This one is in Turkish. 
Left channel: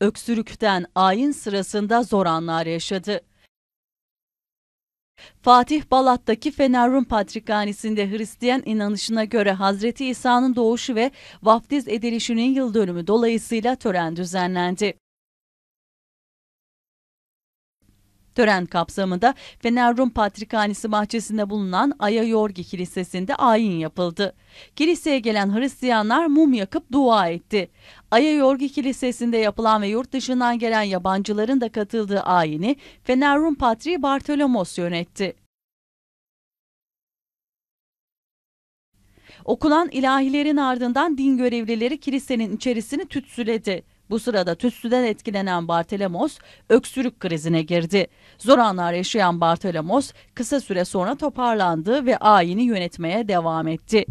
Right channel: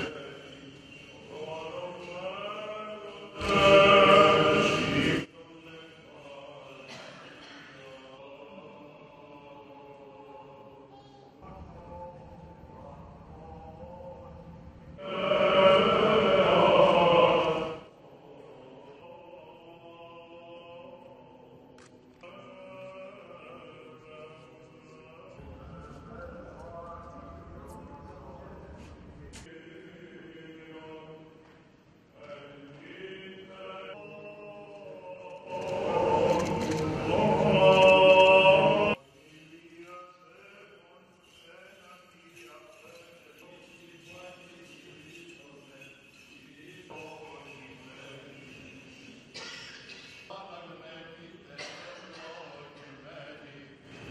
Öksürükten ayin sırasında zor anlar yaşadı. Fatih Balat'taki Fener Rum Patrikhanesi'nde Hristiyan inanışına göre Hazreti İsa'nın doğuşu ve vaftiz edilişinin yıl dönümü dolayısıyla tören düzenlendi. Tören kapsamında Fener Rum Patrikhanesi bahçesinde bulunan Aya Yorgi Kilisesi'nde ayin yapıldı. Kiliseye gelen Hristiyanlar mum yakıp dua etti. Aya Yorgi Kilisesi'nde yapılan ve yurt dışından gelen yabancıların da katıldığı ayini Fener Rum Patriği Bartolomos yönetti. Okunan ilahilerin ardından din görevlileri kilisenin içerisini tütsüledi. Bu sırada tütsüden etkilenen Bartolomos öksürük krizine girdi. Zor anlar yaşayan Bartolomos kısa süre sonra toparlandı ve ayini yönetmeye devam etti.